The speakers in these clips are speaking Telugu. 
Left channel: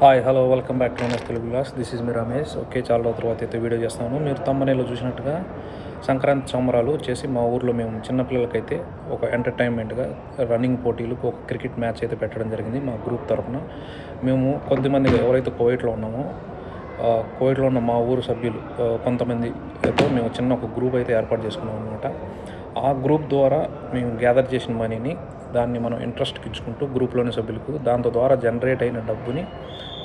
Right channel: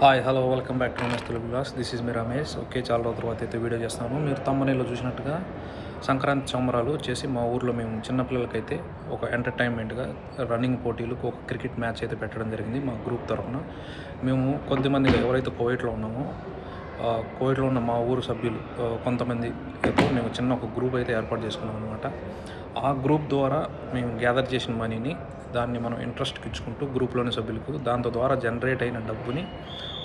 Hi hello welcome back to Telugu class this is me Ramesh okay చాలా రోజుల తర్వాత అయితే వీడియో చేస్తాను. మీరు తమ్మనేలో చూసినట్టుగా సంక్రాంతి సంబరాలు వచ్చేసి మా ఊర్లో మేము చిన్నపిల్లలకైతే ఒక ఎంటర్టైన్మెంట్గా రన్నింగ్ పోటీలు ఒక క్రికెట్ మ్యాచ్ అయితే పెట్టడం జరిగింది మా గ్రూప్ తరఫున మేము కొంతమంది ఎవరైతే కోవిడ్లో ఉన్నామో కోవిడ్లో ఉన్న మా ఊరు సభ్యులు కొంతమంది కొంతమందితో మేము చిన్న ఒక గ్రూప్ అయితే ఏర్పాటు చేసుకున్నాం అనమాట ఆ గ్రూప్ ద్వారా మేము గ్యాదర్ చేసిన మనీని దాన్ని మనం ఇంట్రెస్ట్కి ఇచ్చుకుంటూ గ్రూప్లోని సభ్యులకు దాంతో ద్వారా జనరేట్ అయిన డబ్బుని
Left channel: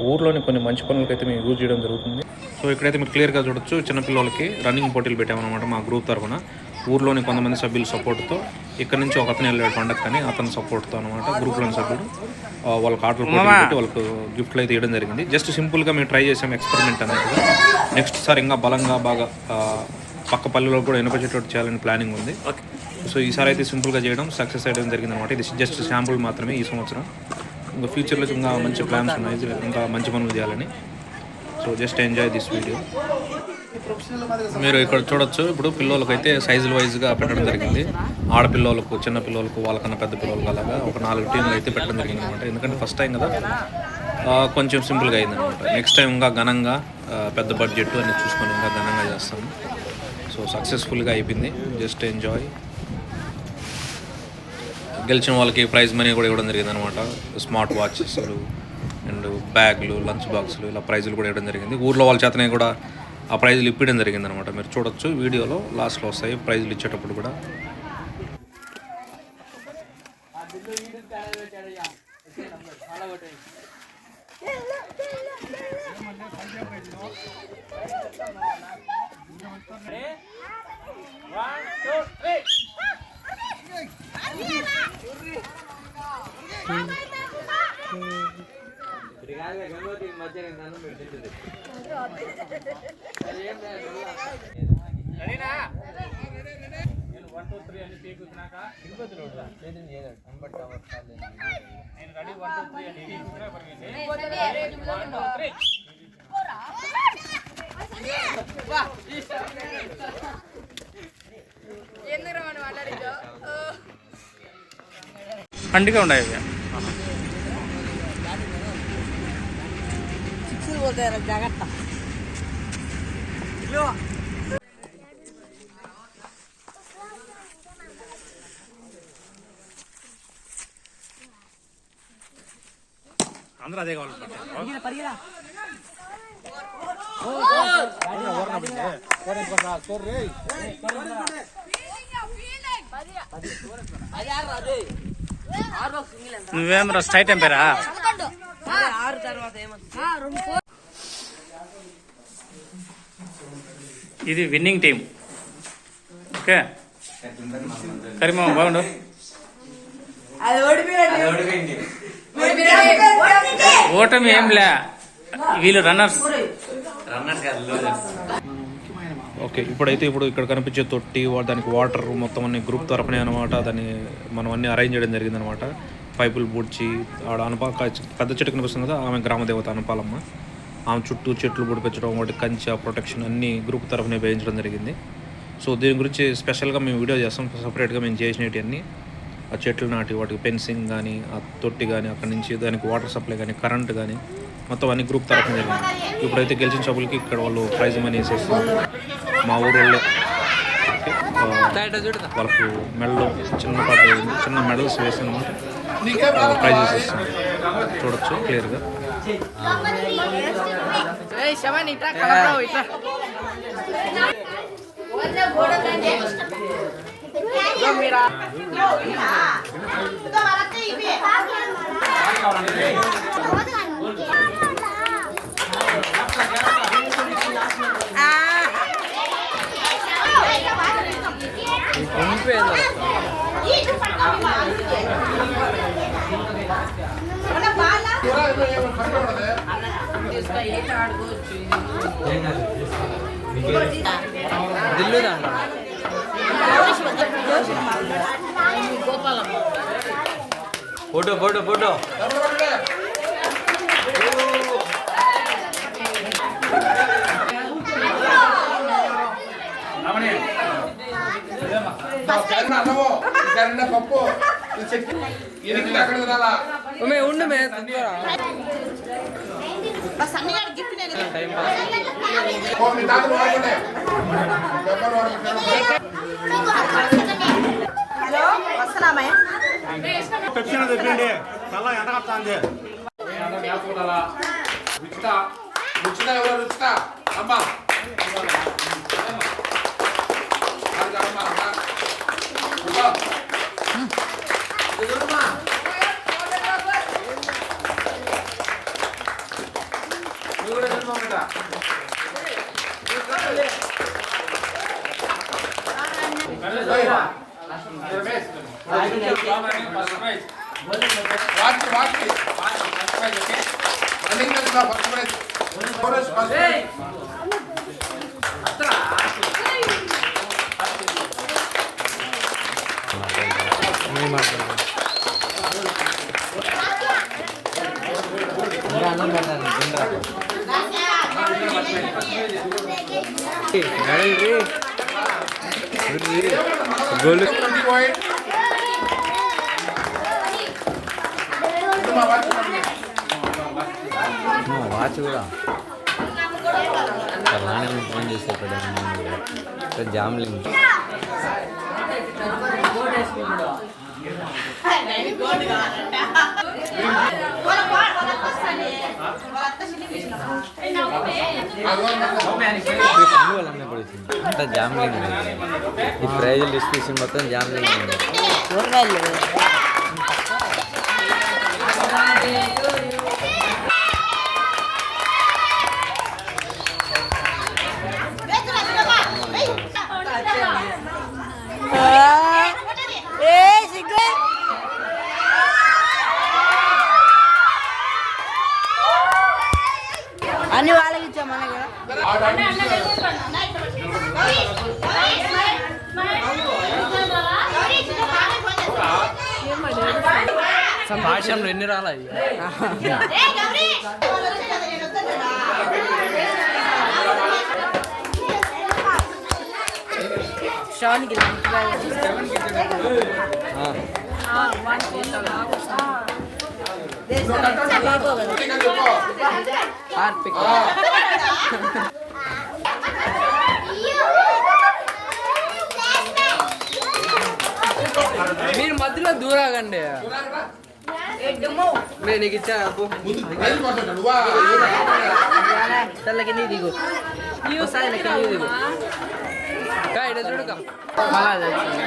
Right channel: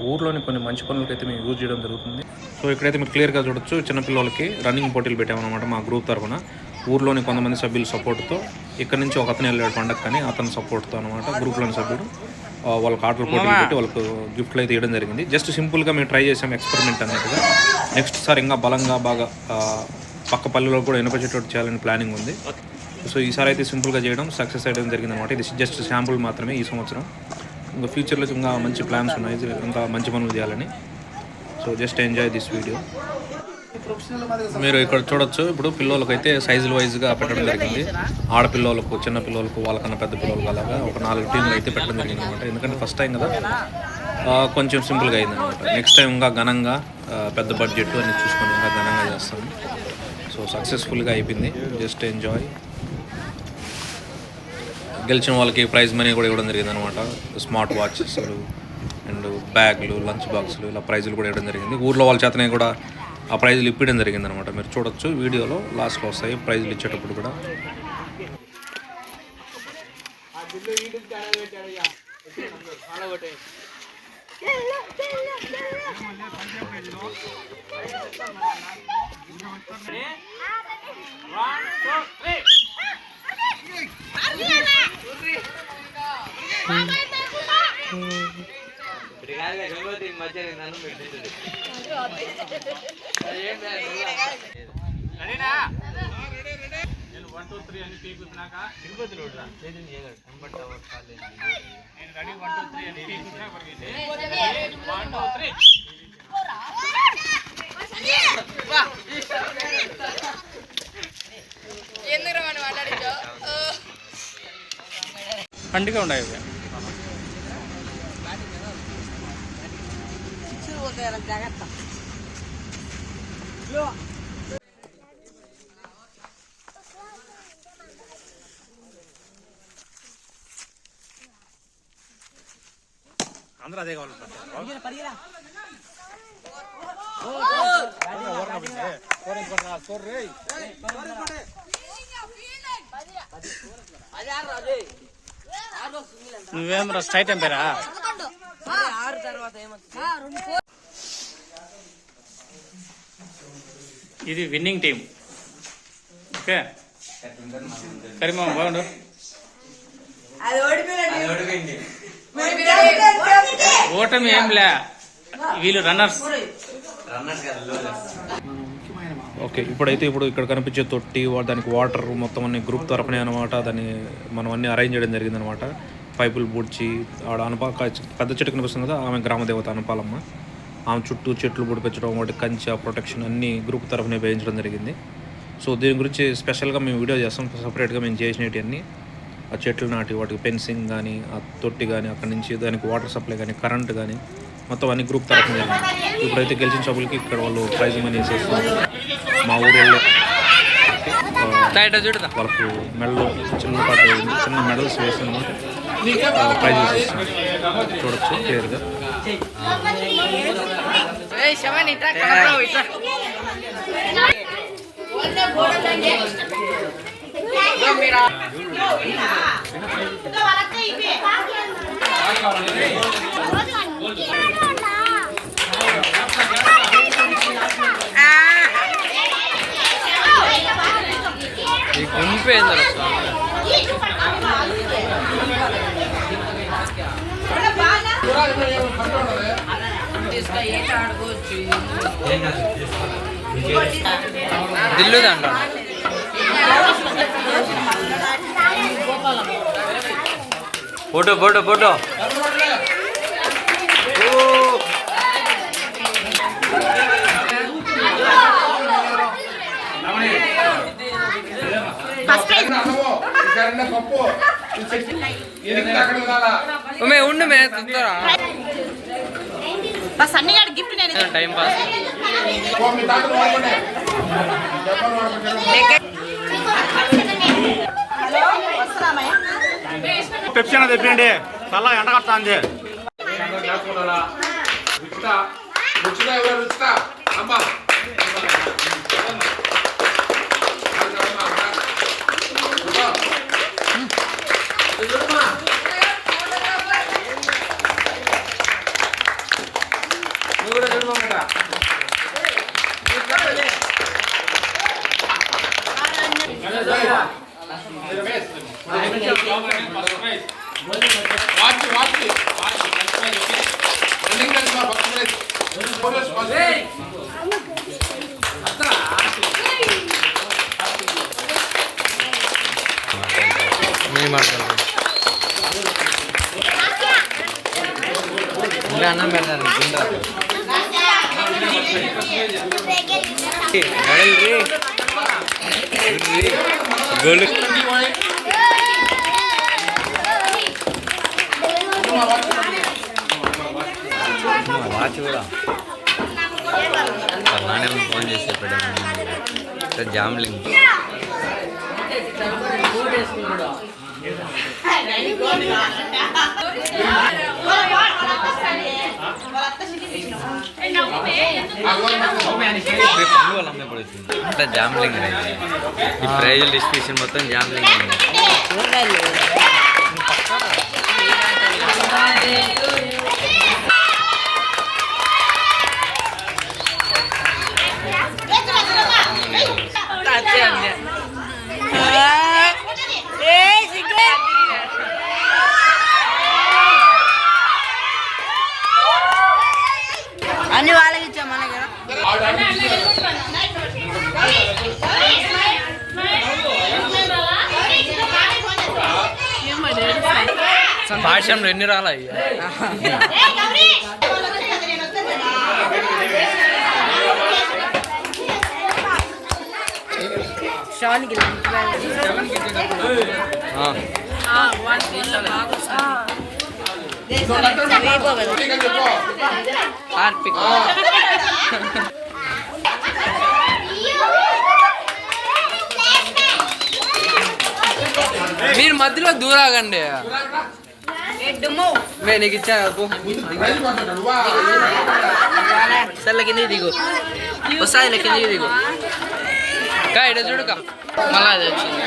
ఊర్లోని కొన్ని మంచి పనులకైతే మేము యూజ్ చేయడం జరుగుతుంది. సో ఇక్కడైతే మీరు క్లియర్గా చూడొచ్చు చిన్నపిల్లలకి రన్నింగ్ పోటీలు పెట్టామన్నమాట మా గ్రూప్ తరఫున ఊర్లోని కొంతమంది సభ్యుల సపోర్ట్తో ఇక్కడ నుంచి ఒక అతను వెళ్ళాడు పండగ కానీ అతని సపోర్ట్తో అనమాట గ్రూప్లోని సభ్యుడు. వాళ్ళకి ఆటలు పోటీలు పెట్టి వాళ్ళకు గిఫ్ట్లు అయితే ఇవ్వడం జరిగింది. జస్ట్ సింపుల్గా మేము ట్రై చేసాం ఎక్స్పెరిమెంట్ అన్నట్టుగా నెక్స్ట్ సార్ ఇంకా బలంగా బాగా పక్క పల్లెలో కూడా వినపచేటట్టు చేయాలని ప్లానింగ్ ఉంది. సో ఈసారి అయితే సింపుల్గా చేయడం సక్సెస్ అయ్యడం జరిగింది అనమాట ఇది జస్ట్ శాంపుల్ మాత్రమే ఈ సంవత్సరం. ఇంకా ఫ్యూచర్లో ఇంకా మంచి ప్లాన్స్ ఉన్నాయి. ఇంకా మంచి పనులు చేయాలని. So just enjoy this video మీరు ఇక్కడ చూడొచ్చు ఇప్పుడు పిల్లలకైతే సైజులు వైజ్గా పెట్టడం జరిగింది. ఆడపిల్లలకు చిన్న పిల్లలకు వాళ్ళకన్నా పెద్ద పిల్లలకు అలాగా ఒక నాలుగు టీంలు అయితే పెట్టడం జరిగింది అనమాట ఎందుకంటే ఫస్ట్ టైం కదా. కొంచెం సింపుల్గా అయింది అనమాట నెక్స్ట్ టైం ఇంకా ఘనంగా పెద్ద బడ్జెట్ అన్ని చూసుకొని ఇంకా ఘనంగా చేస్తాము. సో సక్సెస్ఫుల్గా అయిపోయింది. జస్ట్ ఎంజాయ్ గెలిచిన వాళ్ళకి ప్రైజ్ మనీ కూడా ఇవ్వడం జరిగింది అనమాట స్మార్ట్ వాచెస్ అండ్ బ్యాగ్లు లంచ్ బాక్సులు ఇలా ప్రైజులు కూడా ఇవ్వడం జరిగింది. ఊర్లో వాళ్ళ చేతనే కూడా ఆ ప్రైజులు ఇప్పించడం జరిగింది అనమాట మీరు చూడొచ్చు వీడియోలో లాస్ట్లో వస్తాయి ప్రైజులు ఇచ్చేటప్పుడు కూడా. నేను వన్ టూ త్రీ అని తీకుతున్నాక తిరుపతి రోడ్ అంబట్ టవర్ కాలేజ్ నేను రెడీ వన్ టూ త్రీ అని తీకున్నాక వన్ టూ త్రీ పండుగ ఉన్నాయి ఇవి అందరూ అదే కావాలి నువ్వేం రా స్ట్రైట్ ఎంపేరా? ఇది విన్నింగ్ టీం ఓకే? కరీమా బాగుండు. ఓటమి ఏం లే. వీళ్ళు రన్నర్స్. ఓకే ఇప్పుడైతే ఇప్పుడు ఇక్కడ కనిపించే తొట్టి వా- దానికి వాటర్ మొత్తం అన్ని గ్రూప్ తరపునే అనమాట దాన్ని మనం అన్ని అరేంజ్ చేయడం జరిగింది అనమాట పైపులు పూడ్చి ఆడ అనపా పెద్ద చెట్టు కనిపిస్తుంది కదా ఆమె గ్రామదేవత అనపాలమ్మ. ఆమె చుట్టూ చెట్లు బుడిపించడం వాటి కంచె ప్రొటెక్షన్ అన్ని గ్రూప్ తరఫునే వేయించడం జరిగింది. సో దీని గురించి స్పెషల్గా మేము వీడియో చేస్తాం సపరేట్గా మేము చేసినవన్నీ ఆ చెట్లు నాటి వాటికి ఫెన్సింగ్ కానీ ఆ తొట్టి కానీ అక్కడి నుంచి దానికి వాటర్ సప్లై కానీ కరెంట్ కానీ మొత్తం అన్ని గ్రూప్ తరఫున జరిగింది. ఇప్పుడైతే గెలిచిన సభ్యులకి ఇక్కడ వాళ్ళు ప్రైజ్ మనీ వేసేస్తున్నారు మా ఊరు వాళ్ళే వాళ్ళకు మెడలో చిన్నపాటి చిన్న మెడల్స్ వేసి అనమాట ప్రైజెస్ ఇస్తున్నారు. చూడొచ్చు క్లియర్గా ఈ గుంపే ఏందరా దిల్లు దాంట్లో ఫోటో ఫోటో ఫోటో ఉమే ఉండు మే తొందర మా సన్నిగాడి గిఫ్ట్ నేను టైం పాస్. పెప్సీ అనేది తెప్పిండి. తల ఎండ కట్టాంది రుచిత రుచిత ఎవరు? రుచిత. అమ్మ. వాచ్ వాచ్ రన్నింగ్ మ్యాచ్లో ఫస్ట్ ప్రైజ్ ఫోరెస్ట్ ఫస్ట్ అన్నం పెడతారు గోల్డ్ వాచ్ కూడా అలానే ఫోన్ చేసేప్పుడు జామ్లింగ్ అంతా జామ్లింగ్ ఈ ప్రైజ్ డిస్ట్రిబ్యూషన్ మొత్తం జామ్లింగ్ ఉంది అన్ని వాళ్ళకి ఇచ్చాం మనకి పాఠశాలలో ఎన్ని రాలా షాన్కి మీరు మధ్యలో దూరాగండి. నేను నీకు ఇచ్చా సర్లే కింద దిగు. కింద దిగు. కా ఇడ చూడుక మళ్ళా అది వచ్చింది.